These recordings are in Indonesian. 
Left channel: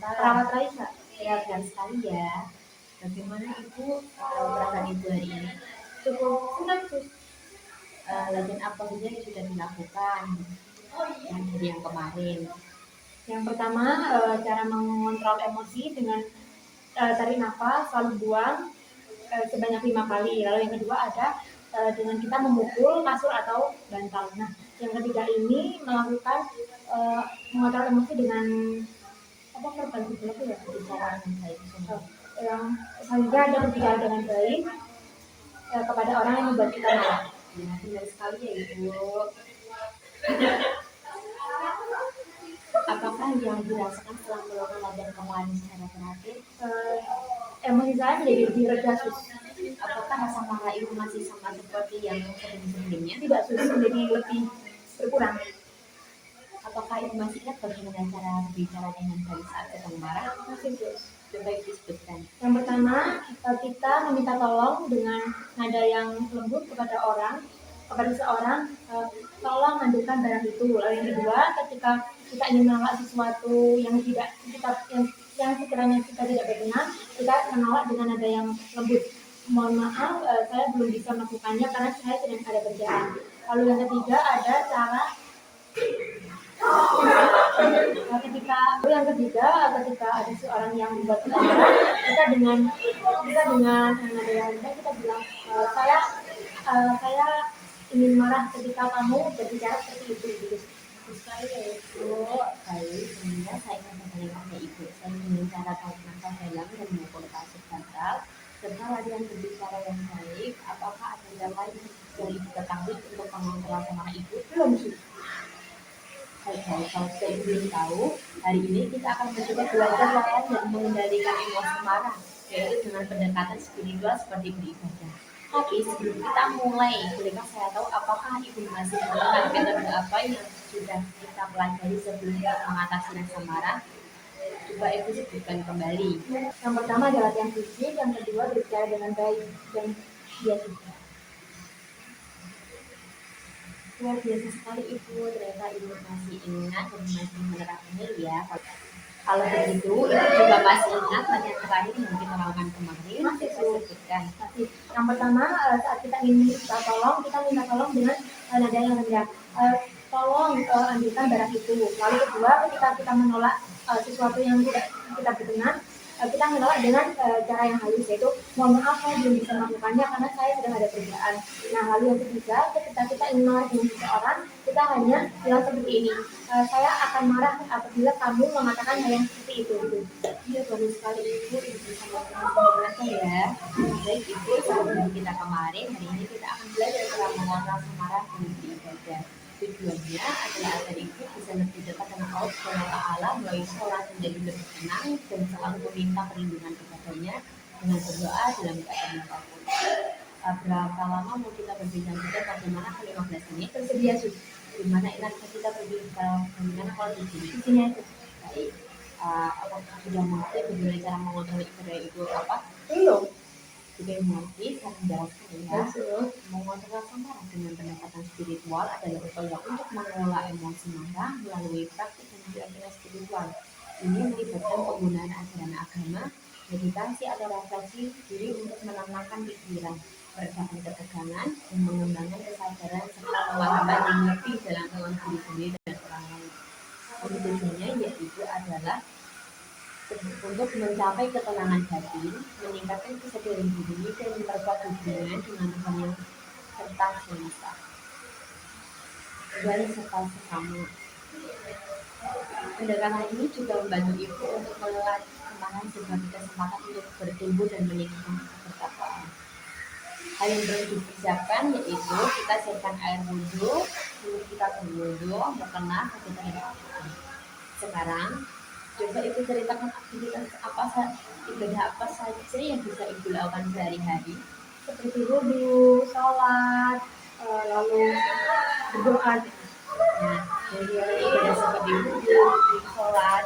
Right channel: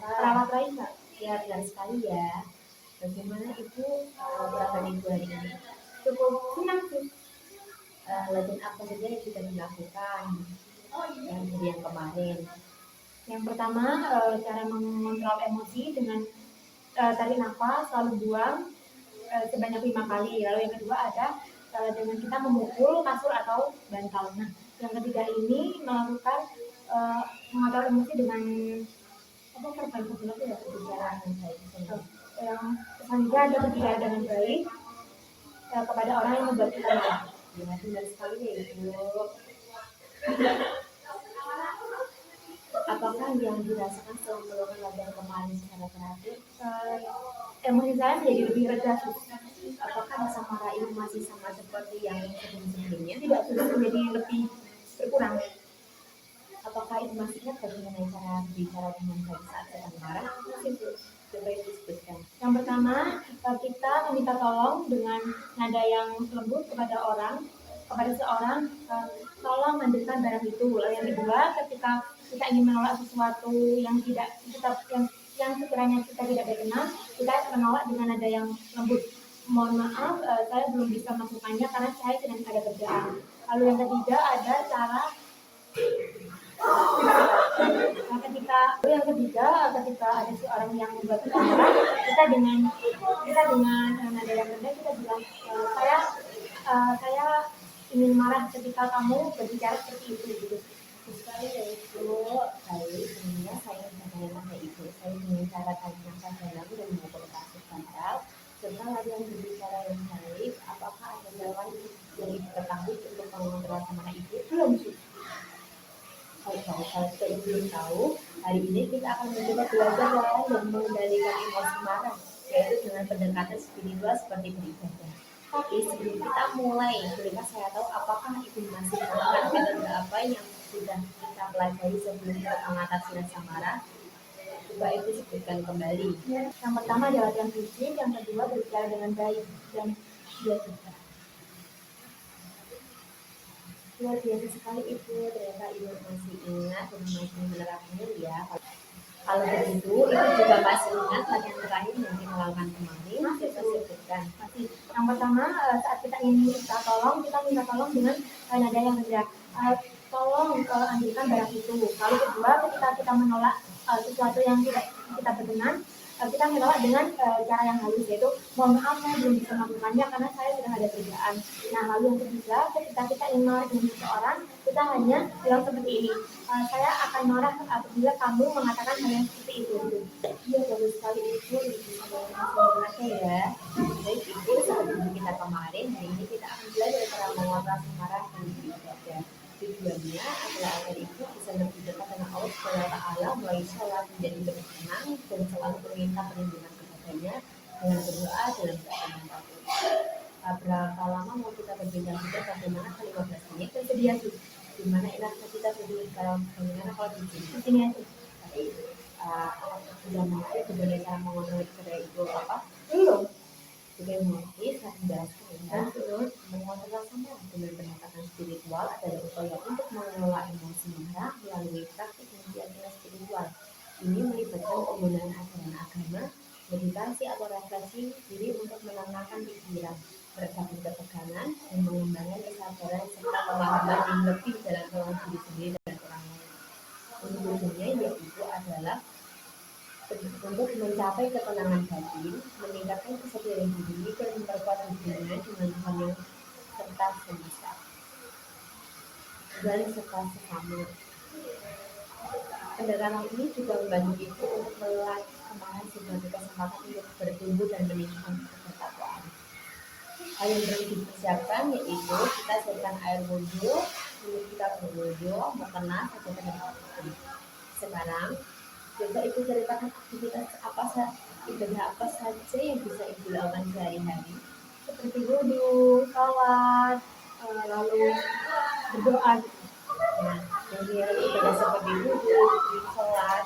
Perawat Raisa. Kelihatan sekali ya. Bagaimana Ibu keadaan Ibu hari ini? Cukup senang sih. Dan apa saja yang sudah dilakukan dan dari yang kemarin? Yang pertama, cara mengontrol emosi dengan tarik nafas, lalu buang sebanyak 5 kali. Lalu yang kedua ada dengan kita memukul kasur atau bantal. Nah, yang ketiga ini melakukan mengontrol emosi dengan apa verbal itu ya? Bicara dengan baik. Yang selanjutnya ada berbicara dengan baik kepada orang yang membuat kita marah. Ya, benar sekali ya Ibu. Apakah yang dirasakan setelah melakukan latihan kemarin secara terakhir? Emosi saya menjadi lebih reda, Sus. Apakah rasa marah itu masih sama seperti yang sebelum-sebelumnya? Tidak, Sus, menjadi lebih berkurang. Apakah Ibu masih ingat bagaimana cara berbicara dengan baik saat sedang marah? Masih, Sus. Coba Ibu sebutkan. Yang pertama, kita meminta tolong dengan nada yang lembut kepada seorang, tolong ambilkan barang itu. Lalu yang kedua, ketika kita ingin menolak sesuatu yang sekiranya kita tidak berkenan, kita menolak dengan nada yang lembut. Mohon maaf, saya belum bisa melakukannya karena saya sedang ada kerjaan. Lalu yang ketiga ada cara ketika ada seorang yang membuat kita marah, kita dengan nada yang rendah kita bilang, saya ingin marah ketika kamu berbicara seperti itu gitu. Sekali ya Ibu. Baik, sebenarnya saya ingin bertanya pada Ibu. Saya ingin cara tarik nafas dalam dan memukul kasur bantal serta latihan berbicara yang baik. Apakah ada yang lain yang Ibu ketahui untuk mengontrol semangat Ibu? Belum sih. Kalau saya belum tahu, hari ini kita akan mencoba belajar cara yang mengendalikan emosi marah, yaitu dengan pendekatan spiritual seperti beribadah. Tapi sebelum kita mulai, bolehkah saya tahu apakah Ibu masih menggunakan metode apa yang sudah kita pelajari sebelum untuk mengatasi rasa marah? Coba Ibu sebutkan kembali. Yang pertama adalah latihan fisik, yang kedua berbicara dengan baik dan biasa. Luar biasa sekali Ibu, ternyata Ibu masih ingat dan masih menerapkannya ya. Kalau begitu, Ibu juga masih ingat latihan terakhir yang kita lakukan kemarin? Masih, saya sebutkan. Yang pertama, saat kita ingin minta tolong dengan nada yang rendah. Tolong ambilkan barang itu. Lalu kedua, ketika kita menolak sesuatu yang tidak kita berkenan, kita menolak dengan cara yang halus, yaitu mohon maaf saya belum bisa melakukannya karena saya sedang ada kerjaan. Nah, lalu yang ketiga, ketika kita ingin marah dengan seseorang, kita hanya bilang seperti ini, saya akan marah apabila kamu mengatakan hal yang seperti itu. Iya, bagus sekali Ibu bisa melakukan ya. Baik Ibu, sebelum kita kemarin, hari ini kita akan belajar cara mengontrol marah dan beribadah. Tujuannya adalah agar Ibu bisa lebih dekat dengan Allah melalui sholat menjadi lebih tenang dan selalu meminta perlindungan kepadanya dengan berdoa dalam keadaan apapun. Berapa lama mau kita berbincang-bincang bagaimana 15 menit tersedia Sus? Gimana enaknya kita berbincang bagaimana kalau di sini aja? Baik. Apakah sudah mengerti bagaimana cara mengontrol ibadah itu apa? Belum. Sudah mengerti, saya menjelaskan ya. Mengontrol rasa marah dengan pendekatan spiritual adalah upaya untuk mengelola emosi marah melalui praktik keyakinan spiritual. Ini melibatkan penggunaan ajaran agama, meditasi atau refleksi diri untuk menenangkan pikiran, meredakan ketegangan, dan mengembangkan kesadaran serta pemahaman yang lebih dalam diri sendiri dan orang lain. Tujuannya yaitu adalah untuk mencapai ketenangan batin, meningkatkan kesadaran diri dan memperkuat hubungan dengan Tuhan yang serta semesta dan serta sesama. Pendekatan ini juga membantu Ibu untuk melatih semangat sebagai kesempatan untuk bertumbuh dan meningkatkan ketakwaan. Hal yang perlu dipersiapkan yaitu kita siapkan air wudhu, lalu kita berwudhu, berkenah, sekarang coba Ibu ceritakan aktivitas ibadah apa saja yang bisa Ibu lakukan sehari-hari, seperti wudhu, sholat, lalu berdoa. Nah, jadi ibadah seperti wudhu, sholat,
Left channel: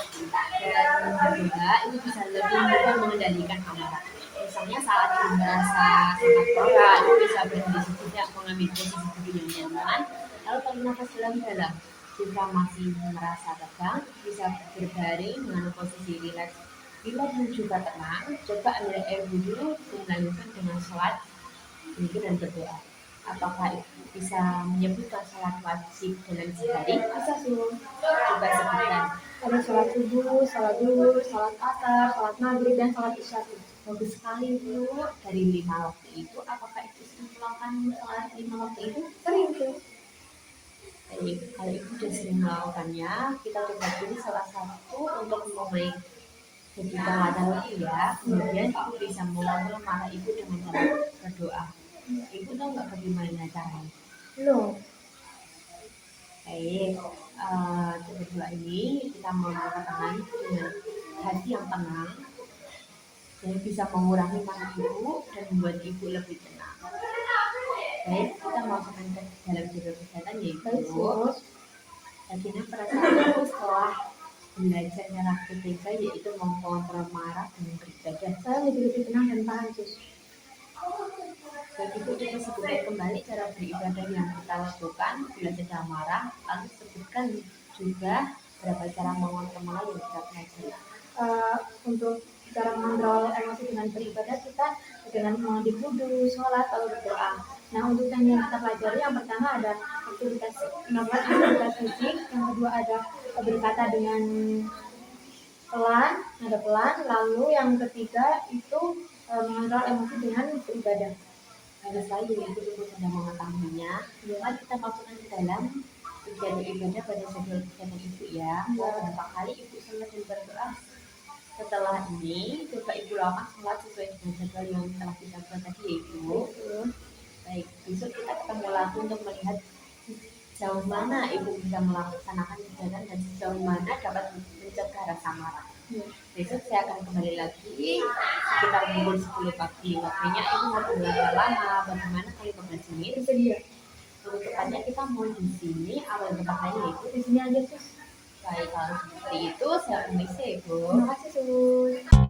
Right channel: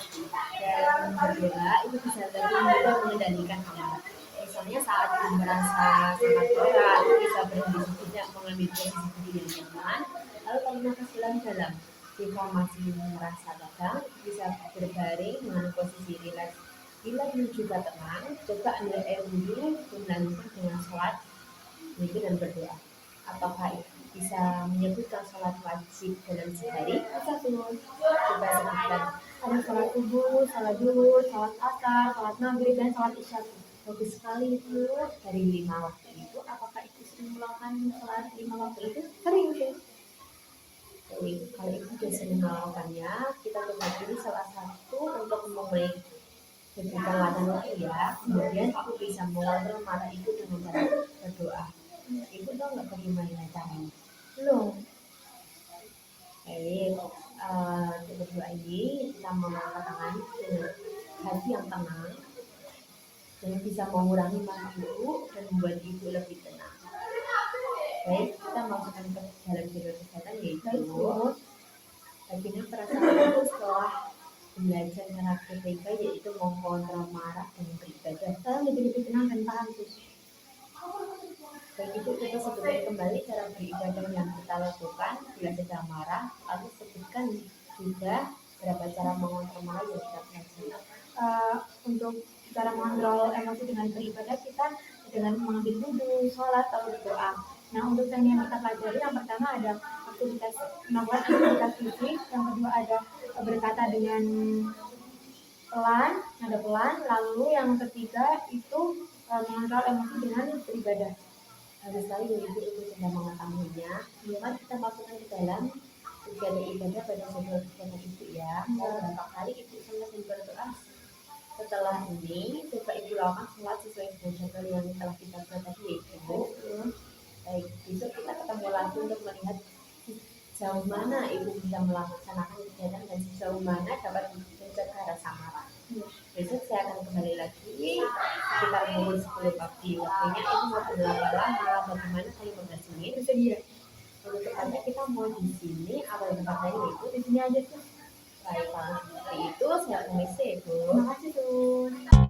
dan berdoa itu bisa lebih mudah mengendalikan amarah. Misalnya saat Ibu merasa sangat marah, Ibu bisa berhenti sejenak, mengambil posisi berdiri yang nyaman, lalu tarik nafas dalam-dalam. Jika masih merasa tegang, bisa berbaring dengan posisi rileks. Bila belum juga tenang, coba ambil air wudhu dan lanjutkan dengan sholat, zikir dan berdoa. Apakah itu bisa menyebutkan sholat wajib dalam sehari? Bisa tuh. Coba sebutkan. Ada sholat subuh, sholat zuhur, sholat asar, sholat maghrib, dan sholat isya tuh. Bagus sekali Bu. Dari 5 waktu itu, apakah itu sering melakukan sholat 5 waktu itu? Sering sih. Jadi, kalau ibu sudah sering melakukannya, kita coba dulu salah satu untuk memulai ketika waktu ya. Kemudian ibu bisa mengontrol mata ibu dengan cara berdoa. Ibu tahu nggak bagaimana caranya? Belum. Baik, berdoa ini kita mengangkat tangan dengan hati yang tenang dan bisa mengurangi mata ibu dan membuat ibu lebih tenang. Baik, kita masukkan ke dalam jadwal kesehatan yaitu bagaimana perasaan ibu setelah belajar cara ketiga yaitu mengontrol marah dan beribadah. Saya lebih tenang dan tahan sus. Baik, ibu coba sebutkan kembali cara beribadah yang kita lakukan bila sedang marah, lalu sebutkan juga berapa cara mengontrol marah yang kita pelajari. Untuk cara mengontrol emosi dengan beribadah kita dengan mengambil wudhu, sholat, lalu berdoa. Nah, untuk yang kita pelajari, yang pertama ada melakukan aktivitas fisik, yang kedua ada berkata dengan pelan, nada pelan, lalu yang ketiga itu mengontrol emosi dengan beribadah. Harus lagi ibu sudah mengetahuinya, maka kita masukkan ke dalam kegiatan ibadah pada jadwal kegiatan ibu ya. Berapa kali ibu sholat dan berdoa? Setelah ini, coba ibu lakukan sholat sesuai dengan jadwal yang telah kita buat tadi yaitu. Baik, besok kita ketemu lagi untuk melihat sejauh mana ibu bisa melaksanakan kegiatan dan sejauh mana dapat mencegah rasa marah. Besok saya akan kembali lagi sekitar pukul 10 pagi. Waktunya ibu mau berapa lama, bagaimana kali 15 menit. Untuk tanya kita mau di sini, awal berkatanya itu di sini aja sus. Baik, kalau seperti itu saya permisi ibu. Terima kasih sus.